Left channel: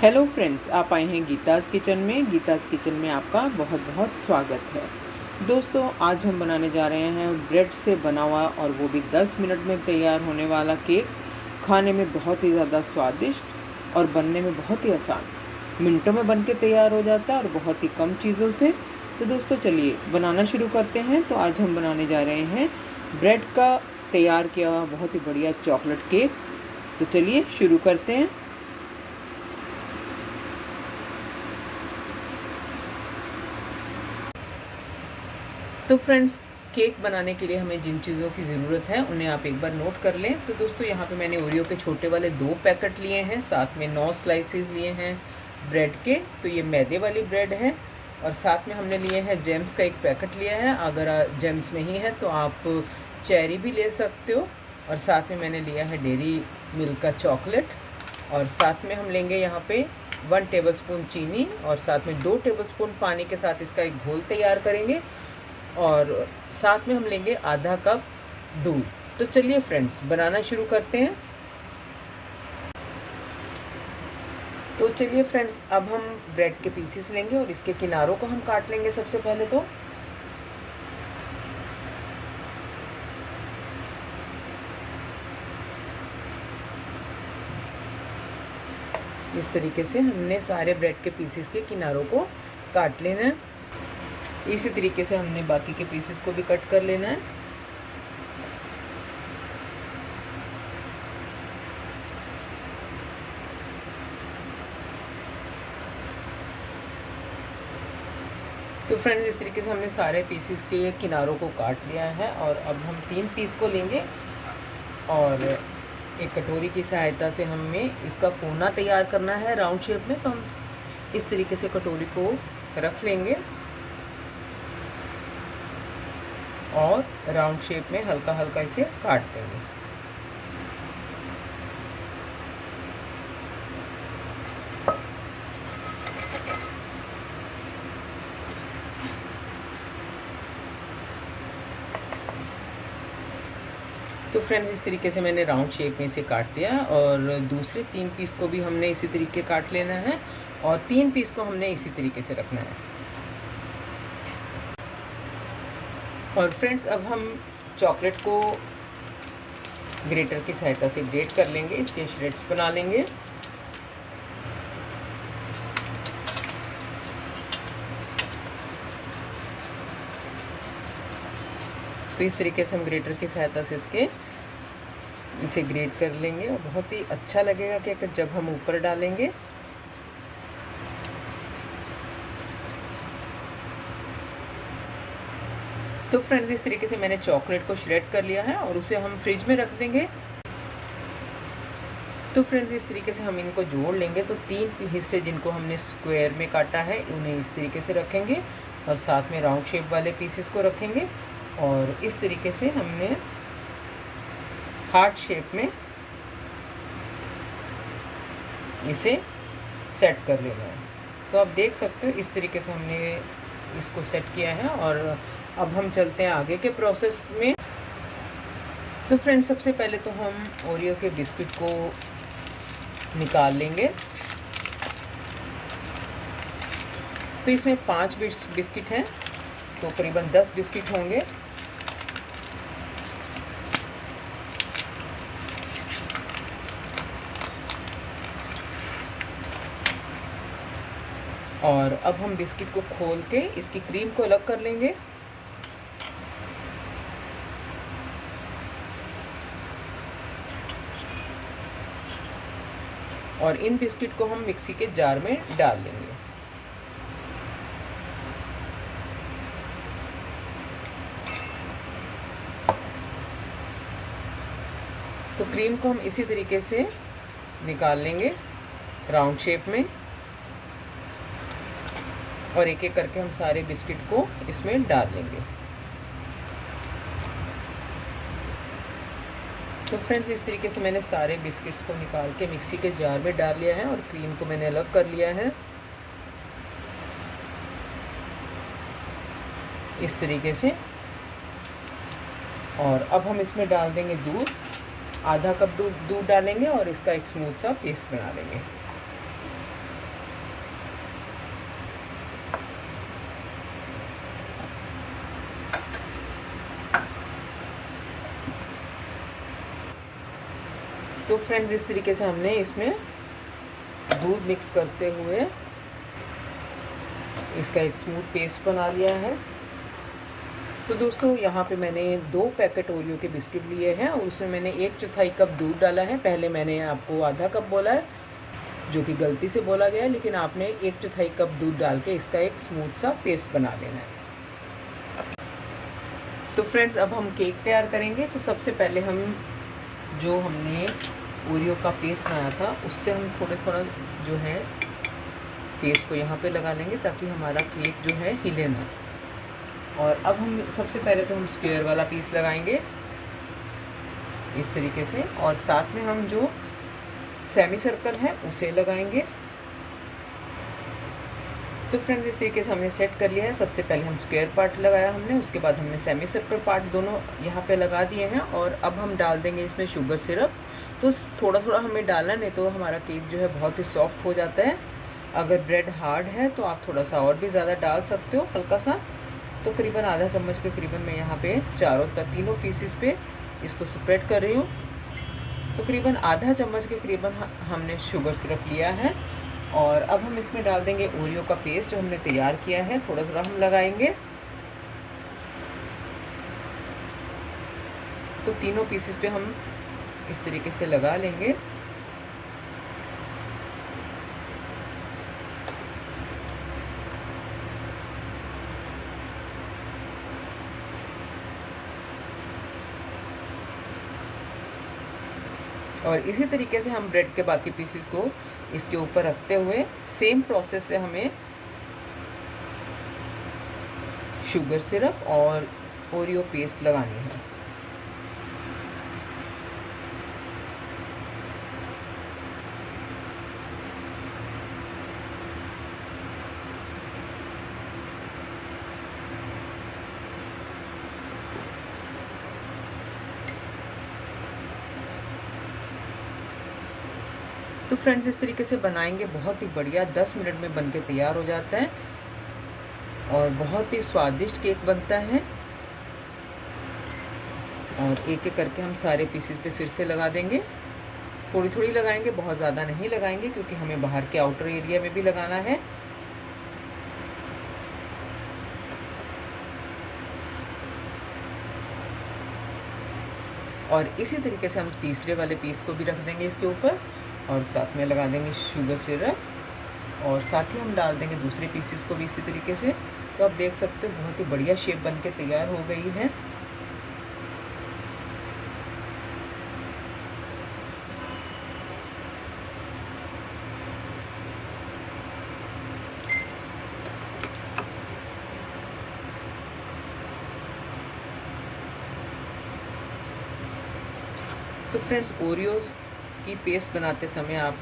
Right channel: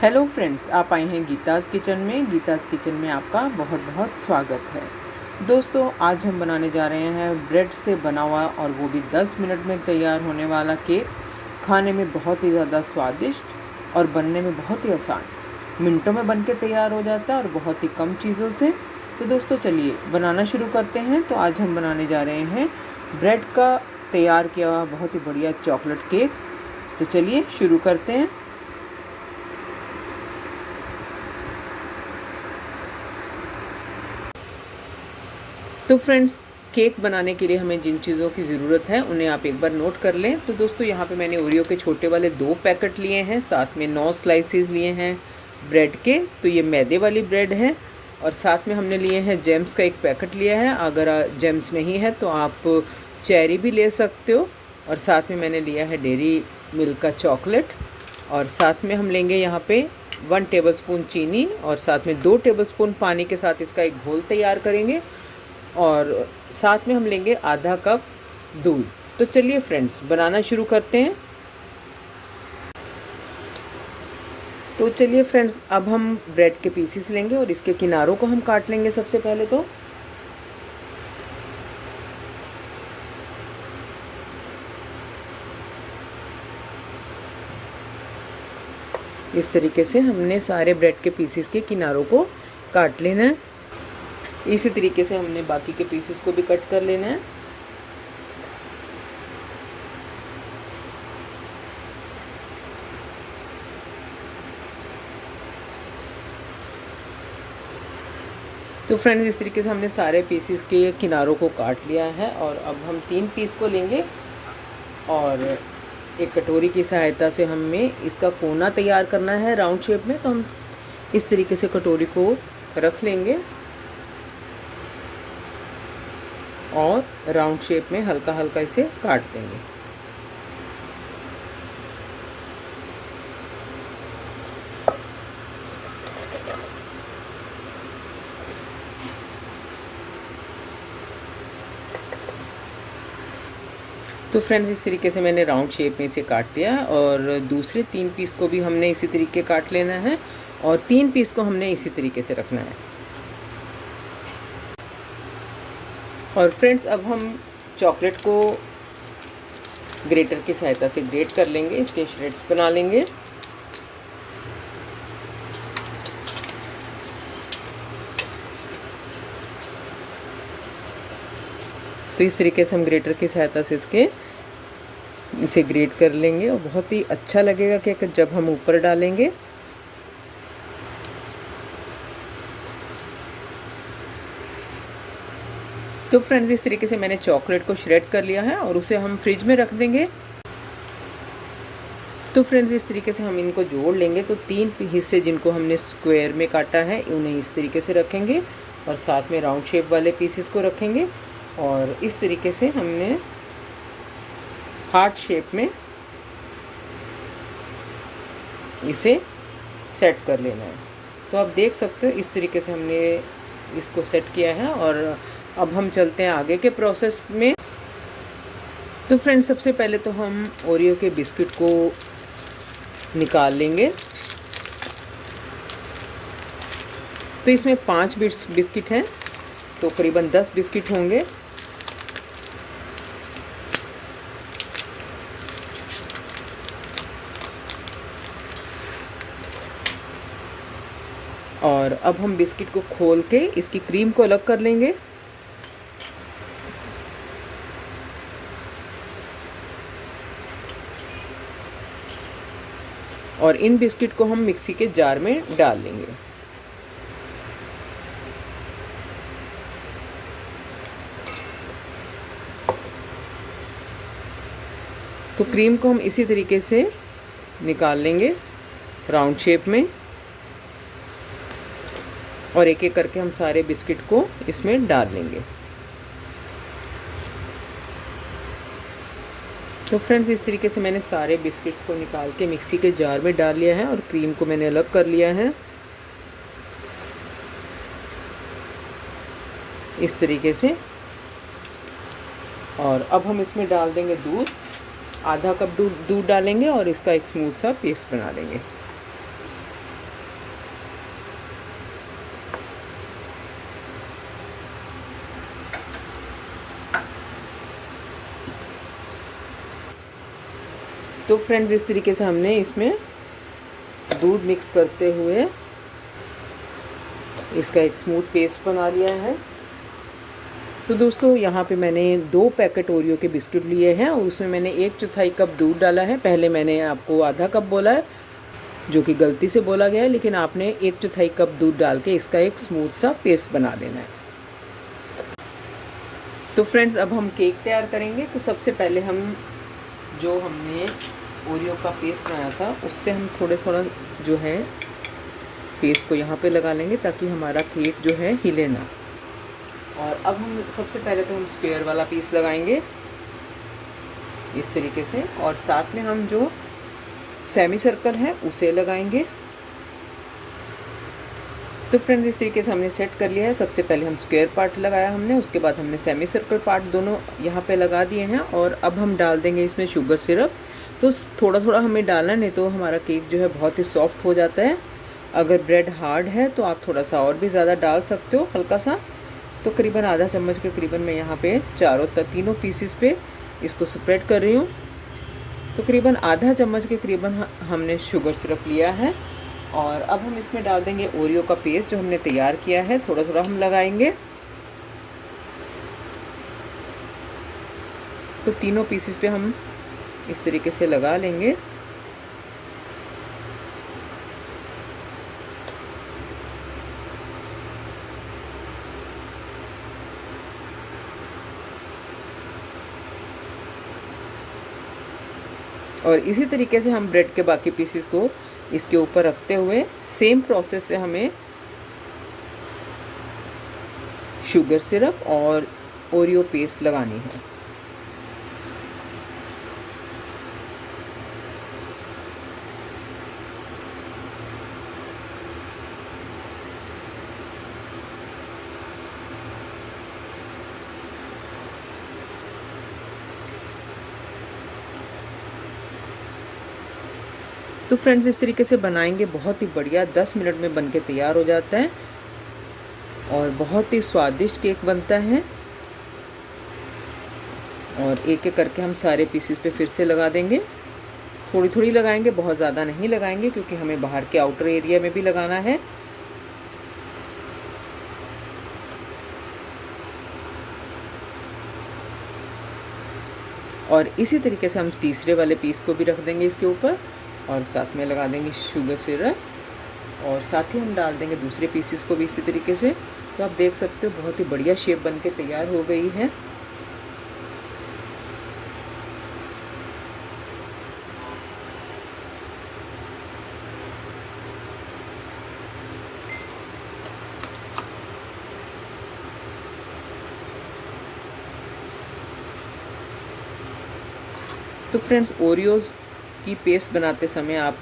Hello friends, आप आए हैं गीताज़ किचन में। गीताज़ किचन में आपका बहुत बहुत स्वागत है। दोस्तों, आज हम बनाने जा रहे हैं ब्रेड से बना हुआ और वो भी 10 मिनट में तैयार होने वाला केक। खाने में बहुत ही ज़्यादा स्वादिष्ट और बनने में बहुत ही आसान, मिनटों में बन के तैयार हो जाता है और बहुत ही कम चीज़ों से। तो दोस्तों, चलिए बनाना शुरू करते हैं। तो आज हम बनाने जा रहे हैं ब्रेड का तैयार किया हुआ बहुत ही बढ़िया चॉकलेट केक। तो चलिए शुरू करते हैं। तो फ्रेंड्स, केक बनाने के लिए हमें जिन चीज़ों की ज़रूरत है उन्हें आप एक बार नोट कर लें। तो दोस्तों, यहाँ पे मैंने ओरियो के छोटे वाले 2 पैकेट लिए हैं, साथ में 9 स्लाइसेस लिए हैं ब्रेड के। तो ये मैदे वाली ब्रेड है। और साथ में हमने लिए हैं जेम्स का 1 पैकेट लिया है। अगर जेम्स नहीं है तो आप चेरी भी ले सकते हो। और साथ में मैंने लिया है डेयरी मिल्क का चॉकलेट। और साथ में हम लेंगे यहाँ पे 1 टेबलस्पून चीनी और साथ में 2 टेबलस्पून पानी के साथ इसका एक घोल तैयार करेंगे। और साथ में हम लेंगे आधा कप दूध। तो चलिए फ्रेंड्स, बनाना शुरू करते हैं। तो चलिए फ्रेंड्स, अब हम ब्रेड के पीसेस लेंगे और इसके किनारों को हम काट लेंगे सबसे पहले। तो इस तरीके से हमने सारे ब्रेड के पीसेस के किनारों को काट लेना है। इसी तरीके से हमने बाकी के पीसेस को भी कट कर लेना है। तो फ्रेंड्स, इस तरीके से हमने सारे पीसेस के किनारों को काट लिया है। और अब हम 3 पीस को लेंगे और एक कटोरी की सहायता से हमें इसका कोना तैयार करना है राउंड शेप में। तो हम इस तरीके से कटोरी को रख लेंगे और राउंड शेप में हल्का हल्का इसे काट देंगे। तो फ्रेंड्स, इस तरीके से मैंने राउंड शेप में इसे काट लिया है। और दूसरे 3 पीस को भी हमने इसी तरीके काट लेना है और 3 पीस को हमने इसी तरीके से रखना है। और फ्रेंड्स, अब हम चॉकलेट को ग्रेटर की सहायता से ग्रेट कर लेंगे, इसके श्रेड्स बना लेंगे। तो इस तरीके से हम ग्रेटर की सहायता से इसे ग्रेट कर लेंगे और बहुत ही अच्छा लगेगा केक जब हम ऊपर डालेंगे। तो फ्रेंड्स, इस तरीके से मैंने चॉकलेट को श्रेड कर लिया है और उसे हम फ्रिज में रख देंगे। तो फ्रेंड्स, इस तरीके से हम इनको जोड़ लेंगे। तो 3 हिस्से जिनको हमने स्क्वायर में काटा है उन्हें इस तरीके से रखेंगे और साथ में राउंड शेप वाले पीसेस को रखेंगे। और इस तरीके से हमने हार्ट शेप में इसे सेट कर लेना है। तो आप देख सकते हो इस तरीके से हमने इसको सेट किया है। और अब हम चलते हैं आगे के प्रोसेस में। तो फ्रेंड्स, सबसे पहले तो हम ओरियो के बिस्किट को निकाल लेंगे। तो इसमें 5 बिस्किट हैं, तो करीबन 10 बिस्किट होंगे। और अब हम बिस्किट को खोल के इसकी क्रीम को अलग कर लेंगे। और इन बिस्किट को हम मिक्सी के जार में डाल लेंगे। तो क्रीम को हम इसी तरीके से निकाल लेंगे राउंड शेप में और एक एक करके हम सारे बिस्किट को इसमें डाल लेंगे। तो फ्रेंड्स, इस तरीके से मैंने सारे बिस्किट्स को निकाल के मिक्सी के जार में डाल लिया है और क्रीम को मैंने अलग कर लिया है इस तरीके से। और अब हम इसमें डाल देंगे दूध। आधा कप दूध डालेंगे और इसका एक स्मूथ सा पेस्ट बना लेंगे। फ्रेंड्स इस तरीके से हमने इसमें दूध मिक्स करते हुए इसका एक स्मूथ पेस्ट बना लिया है। तो दोस्तों यहाँ पे मैंने 2 पैकेट ओरियो के बिस्किट लिए हैं और उसमें मैंने 1/4 कप दूध डाला है। पहले मैंने आपको आधा कप बोला है, जो कि गलती से बोला गया है, लेकिन आपने 1/4 कप दूध डाल के इसका एक स्मूथ सा पेस्ट बना देना है। तो फ्रेंड्स अब हम केक तैयार करेंगे। तो सबसे पहले हम जो हमने ओरियो का पेस्ट बनाया था उससे हम थोड़ा जो है पेस्ट को यहाँ पे लगा लेंगे ताकि हमारा केक जो है हिले ना। और अब हम सबसे पहले तो हम स्क्वायर वाला पीस लगाएंगे इस तरीके से, और साथ में हम जो सेमी सर्कल है उसे लगाएंगे। तो फ्रेंड्स इस तरीके से हमने सेट कर लिया है। सबसे पहले हम स्क्वायर पार्ट लगाया हमने, उसके बाद हमने सेमी सर्कल पार्ट दोनों यहाँ पे लगा दिए हैं। और अब हम डाल देंगे इसमें शुगर सिरप। तो थोड़ा थोड़ा हमें डालना, नहीं तो हमारा केक जो है बहुत ही सॉफ्ट हो जाता है। अगर ब्रेड हार्ड है तो आप थोड़ा सा और भी ज़्यादा डाल सकते हो, हल्का सा। तो करीबन आधा चम्मच के करीबन मैं यहाँ पे तीनों पीसीस पे इसको स्प्रेड कर रही हूँ। तो करीबन आधा चम्मच के करीबन हमने शुगर सिरप लिया है। और अब हम इसमें डाल देंगे ओरियो का पेस्ट जो हमने तैयार किया है। थोड़ा थोड़ा हम लगाएंगे। तो तीनों पीसेस पे हम इस तरीके से लगा लेंगे। और इसी तरीके से हम ब्रेड के बाकी पीसेस को इसके ऊपर रखते हुए सेम प्रोसेस से हमें शुगर सिरप और ओरियो पेस्ट लगानी है। तो फ्रेंड्स इस तरीके से बनाएंगे, बहुत ही बढ़िया 10 मिनट में बनके तैयार हो जाता है और बहुत ही स्वादिष्ट केक बनता है। और एक एक करके हम सारे पीसेस पे फिर से लगा देंगे। थोड़ी थोड़ी लगाएंगे, बहुत ज़्यादा नहीं लगाएंगे, क्योंकि हमें बाहर के आउटर एरिया में भी लगाना है। और इसी तरीके से हम तीसरे वाले पीस को भी रख देंगे इसके ऊपर और साथ में लगा देंगे शुगर सिरप और साथ ही हम डाल देंगे दूसरे पीसेस को भी इसी तरीके से। तो आप देख सकते हो बहुत ही बढ़िया शेप बनके तैयार हो गई है। तो फ्रेंड्स ओरियोज़ की पेस्ट बनाते समय आप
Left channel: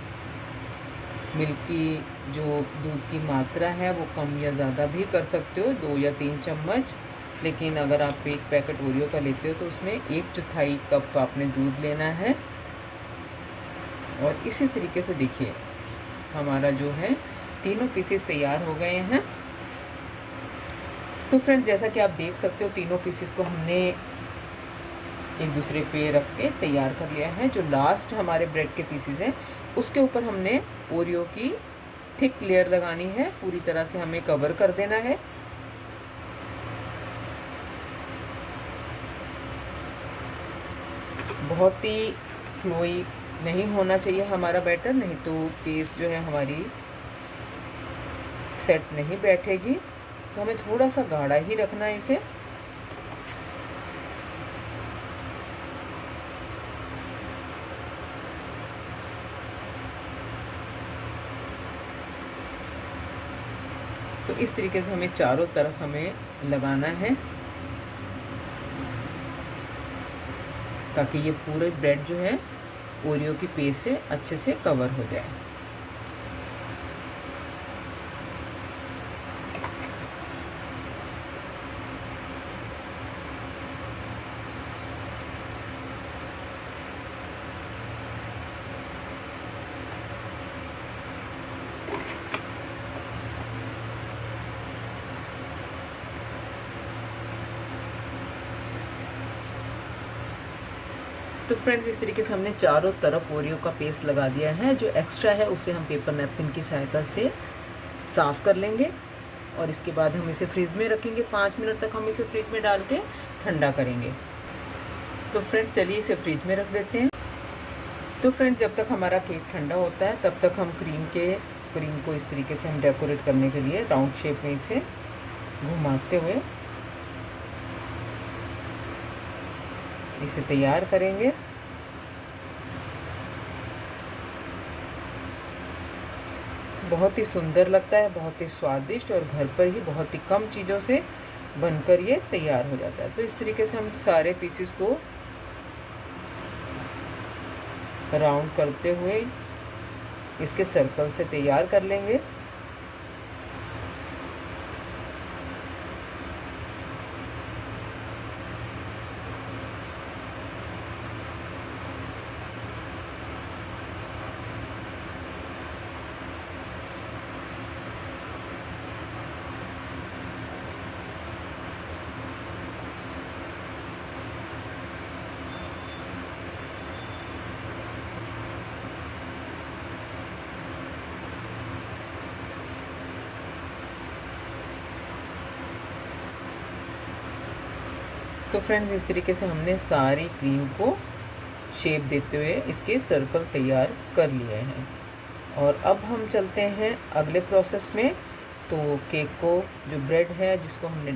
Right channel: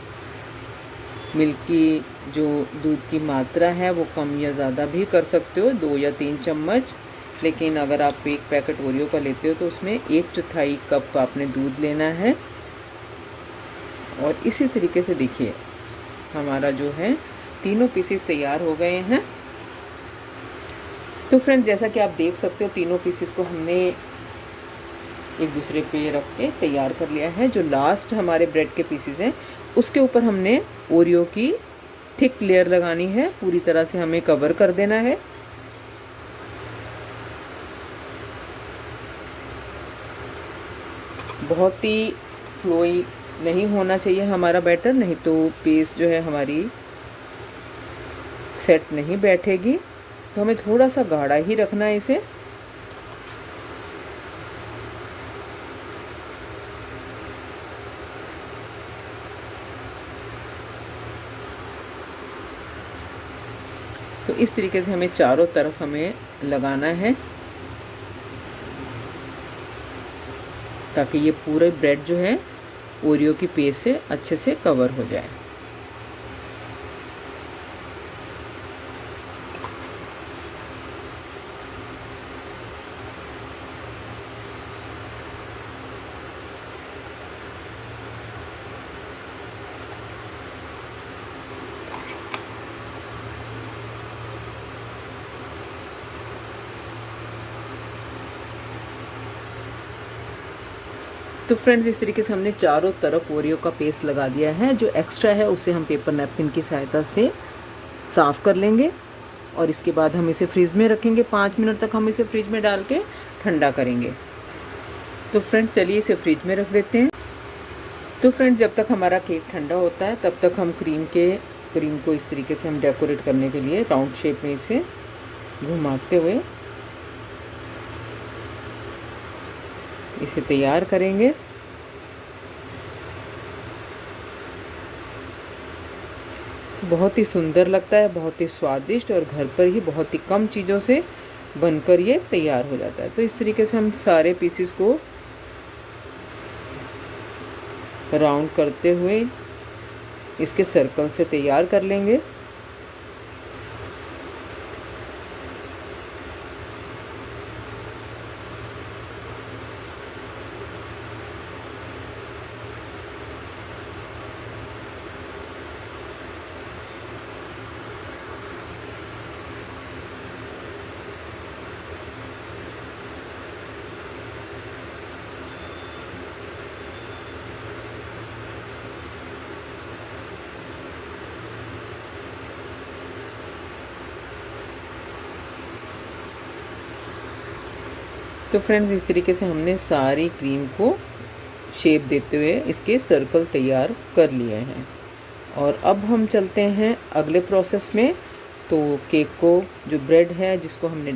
मिल्क की जो दूध की मात्रा है वो कम या ज़्यादा भी कर सकते हो, 2 या 3 चम्मच। लेकिन अगर आप एक पैकेट ओरियो का लेते हो तो उसमें 1/4 कप आपने दूध लेना है। और इसी तरीके से देखिए हमारा जो है तीनों पीसेस तैयार हो गए हैं। तो फ्रेंड्स जैसा कि आप देख सकते हो तीनों पीसेस को हमने एक दूसरे पे रख के तैयार कर लिया है। जो लास्ट हमारे ब्रेड के पीसेस हैं उसके ऊपर हमने ओरियो की थिक लेयर लगानी है, पूरी तरह से हमें कवर कर देना है। बहुत ही फ्लोई नहीं होना चाहिए हमारा बैटर, नहीं तो पेस्ट जो है हमारी सेट नहीं बैठेगी। तो हमें थोड़ा सा गाढ़ा ही रखना है इसे। तो इस तरीके से हमें चारों तरफ हमें लगाना है ताकि ये पूरे ब्रेड जो है ओरियो की पेस्ट से अच्छे से कवर हो जाए। तो फ्रेंड्स इस तरीके से हमने चारों तरफ ओरियो का पेस्ट लगा दिया है। जो एक्स्ट्रा है उसे हम पेपर नैपकिन की सहायता से साफ़ कर लेंगे और इसके बाद हम इसे फ्रिज में रखेंगे। 5 मिनट तक हम इसे फ्रिज में डाल के ठंडा करेंगे। तो फ्रेंड्स चलिए इसे फ्रिज में रख देते हैं। तो फ्रेंड्स जब तक हमारा केक ठंडा होता है तब तक हम क्रीम को इस तरीके से हम डेकोरेट करने के लिए राउंड शेप में इसे घुमाते हुए इसे तैयार करेंगे। बहुत ही सुंदर लगता है, बहुत ही स्वादिष्ट और घर पर ही बहुत ही कम चीज़ों से बनकर ये तैयार हो जाता है। तो इस तरीके से हम सारे पीसेस को राउंड करते हुए इसके सर्कल से तैयार कर लेंगे। तो फ्रेंड्स इस तरीके से हमने सारी क्रीम को शेप देते हुए इसके सर्कल तैयार कर लिए हैं और अब हम चलते हैं अगले प्रोसेस में। तो केक को जो ब्रेड है जिसको हमने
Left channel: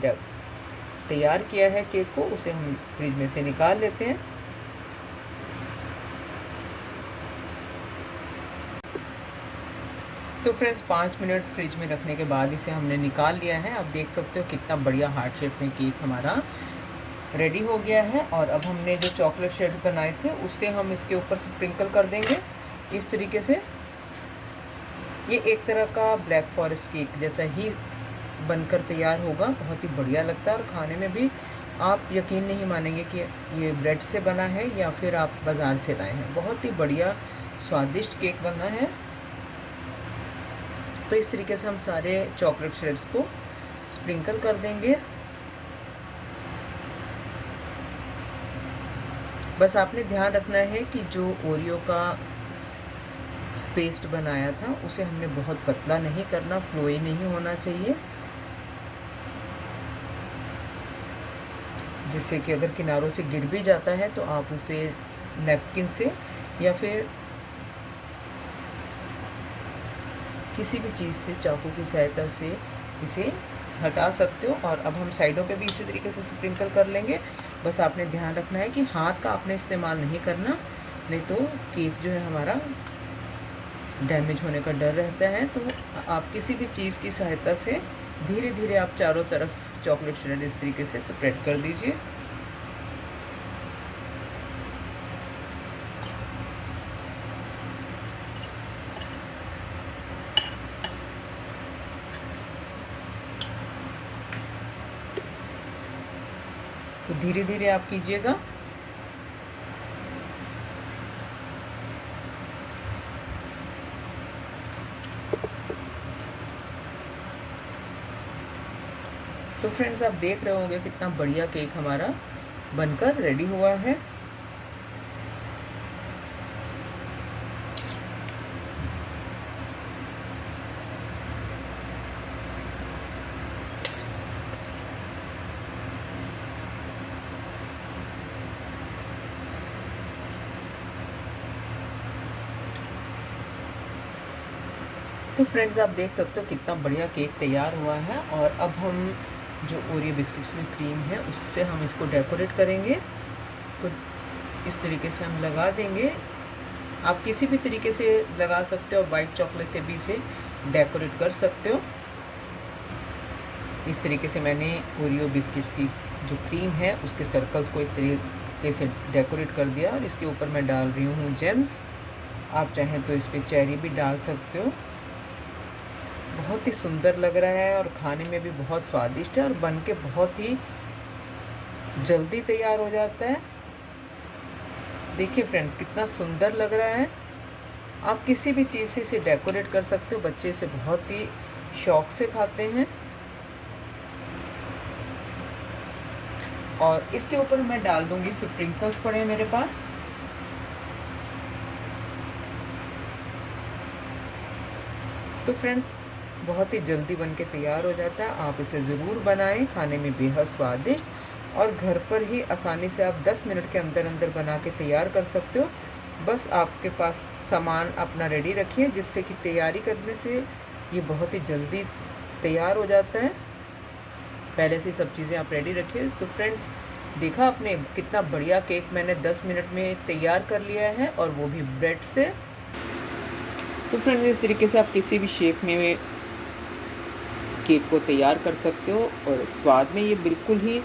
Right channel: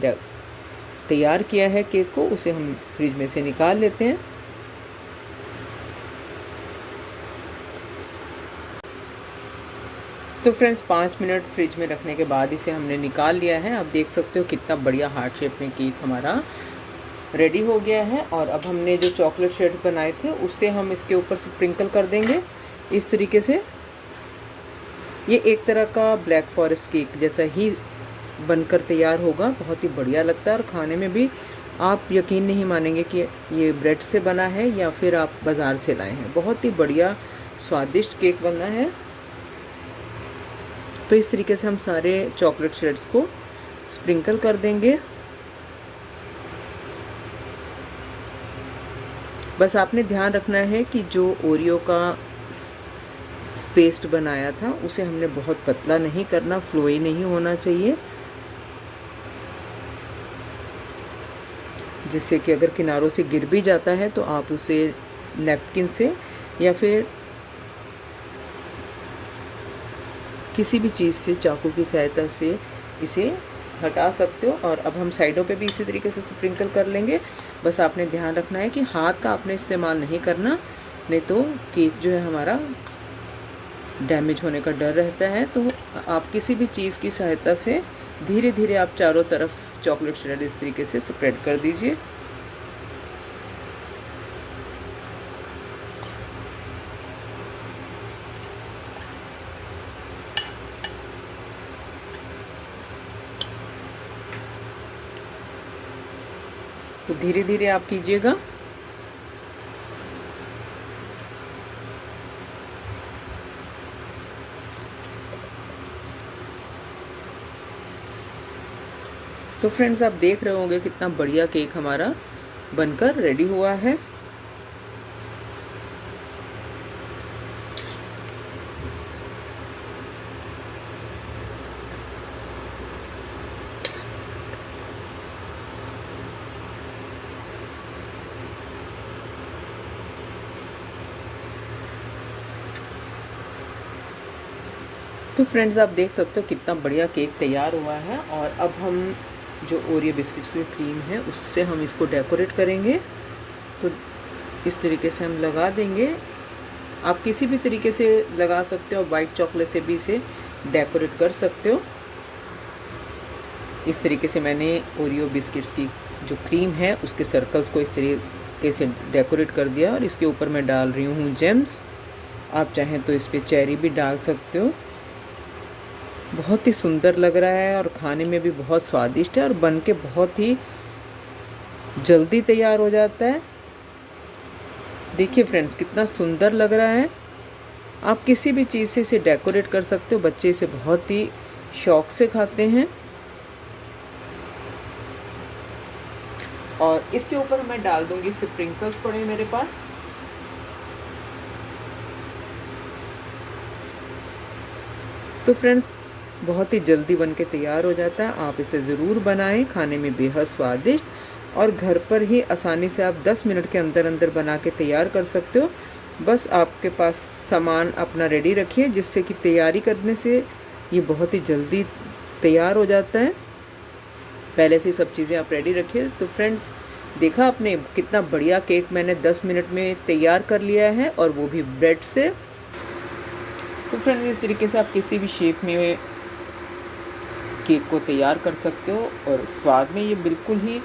तैयार किया है केक को, उसे हम फ्रिज में से निकाल लेते हैं। तो फ्रेंड्स 5 मिनट फ्रिज में रखने के बाद इसे हमने निकाल लिया है। आप देख सकते हो कितना बढ़िया हार्ट शेप में केक हमारा रेडी हो गया है। और अब हमने जो चॉकलेट शेड बनाए थे उससे हम इसके ऊपर से स्प्रिंकल कर देंगे इस तरीके से। ये एक तरह का ब्लैक फॉरेस्ट केक जैसा ही बनकर तैयार होगा। बहुत ही बढ़िया लगता है और खाने में भी आप यकीन नहीं मानेंगे कि ये ब्रेड से बना है या फिर आप बाज़ार से लाए हैं। बहुत ही बढ़िया स्वादिष्ट केक बना है। तो इस तरीके से हम सारे चॉकलेट शेड्स को स्प्रिंकल कर देंगे। बस आपने ध्यान रखना है कि जो ओरियो का पेस्ट बनाया था उसे हमने बहुत पतला नहीं करना, फ्लोई नहीं होना चाहिए, जिससे कि अगर किनारों से गिर भी जाता है तो आप उसे नैपकिन से या फिर किसी भी चीज़ से चाकू की सहायता से इसे हटा सकते हो। और अब हम साइडों पे भी इसी तरीके से स्प्रिंकल कर लेंगे। बस आपने ध्यान रखना है कि हाथ का आपने इस्तेमाल नहीं करना, नहीं तो केक जो है हमारा डैमेज होने का डर रहता है। तो आप किसी भी चीज़ की सहायता से धीरे धीरे आप चारों तरफ चॉकलेट शेड इस तरीके से स्प्रेड कर दीजिए। तो धीरे धीरे आप कीजिएगा। तो फ्रेंड्स आप देख रहे होंगे कितना बढ़िया केक हमारा बनकर रेडी हुआ है। तो फ्रेंड्स आप देख सकते हो कितना बढ़िया केक तैयार हुआ है। और अब हम जो ओरियो बिस्किट्स की क्रीम है उससे हम इसको डेकोरेट करेंगे। तो इस तरीके से हम लगा देंगे। आप किसी भी तरीके से लगा सकते हो, वाइट चॉकलेट से भी इसे डेकोरेट कर सकते हो। इस तरीके से मैंने ओरियो बिस्किट्स की जो क्रीम है उसके सर्कल्स को इस तरीके से डेकोरेट कर दिया और इसके ऊपर मैं डाल रही हूँ जेम्स। आप चाहें तो इस पर चेरी भी डाल सकते हो। बहुत ही सुंदर लग रहा है और खाने में भी बहुत स्वादिष्ट है और बन के बहुत ही जल्दी तैयार हो जाता है। देखिए फ्रेंड्स कितना सुंदर लग रहा है। आप किसी भी चीज़ से इसे डेकोरेट कर सकते हो। बच्चे इसे बहुत ही शौक से खाते हैं। और इसके ऊपर मैं डाल दूंगी स्प्रिंकल्स पड़े हैं मेरे पास। तो फ्रेंड्स बहुत ही जल्दी बन के तैयार हो जाता है। आप इसे ज़रूर बनाएं, खाने में बेहद स्वादिष्ट, और घर पर ही आसानी से आप 10 मिनट के अंदर अंदर बना के तैयार कर सकते हो। बस आपके पास सामान अपना रेडी रखिए, जिससे कि तैयारी करने से ये बहुत ही जल्दी तैयार हो जाता है। पहले से सब चीज़ें आप रेडी रखिए। तो फ्रेंड्स देखा आपने कितना बढ़िया केक मैंने 10 मिनट में तैयार कर लिया है, और वो भी ब्रेड से। तो फ्रेंड्स इस तरीके से आप किसी भी शेप में केक को तैयार कर सकते हो, और स्वाद में ये बिल्कुल ही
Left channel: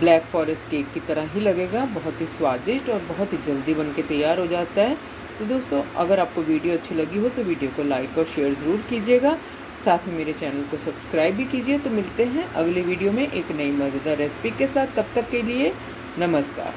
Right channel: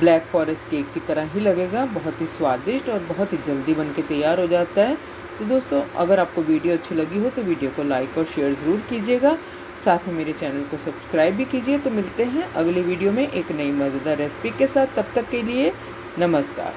ब्लैक फॉरेस्ट केक की तरह ही लगेगा, बहुत ही स्वादिष्ट और बहुत ही जल्दी बन के तैयार हो जाता है। तो दोस्तों अगर आपको वीडियो अच्छी लगी हो तो वीडियो को लाइक और शेयर ज़रूर कीजिएगा, साथ में मेरे चैनल को सब्सक्राइब भी कीजिए। तो मिलते हैं अगले वीडियो में एक नई मज़ेदार रेसिपी के साथ, तब तक के लिए नमस्कार।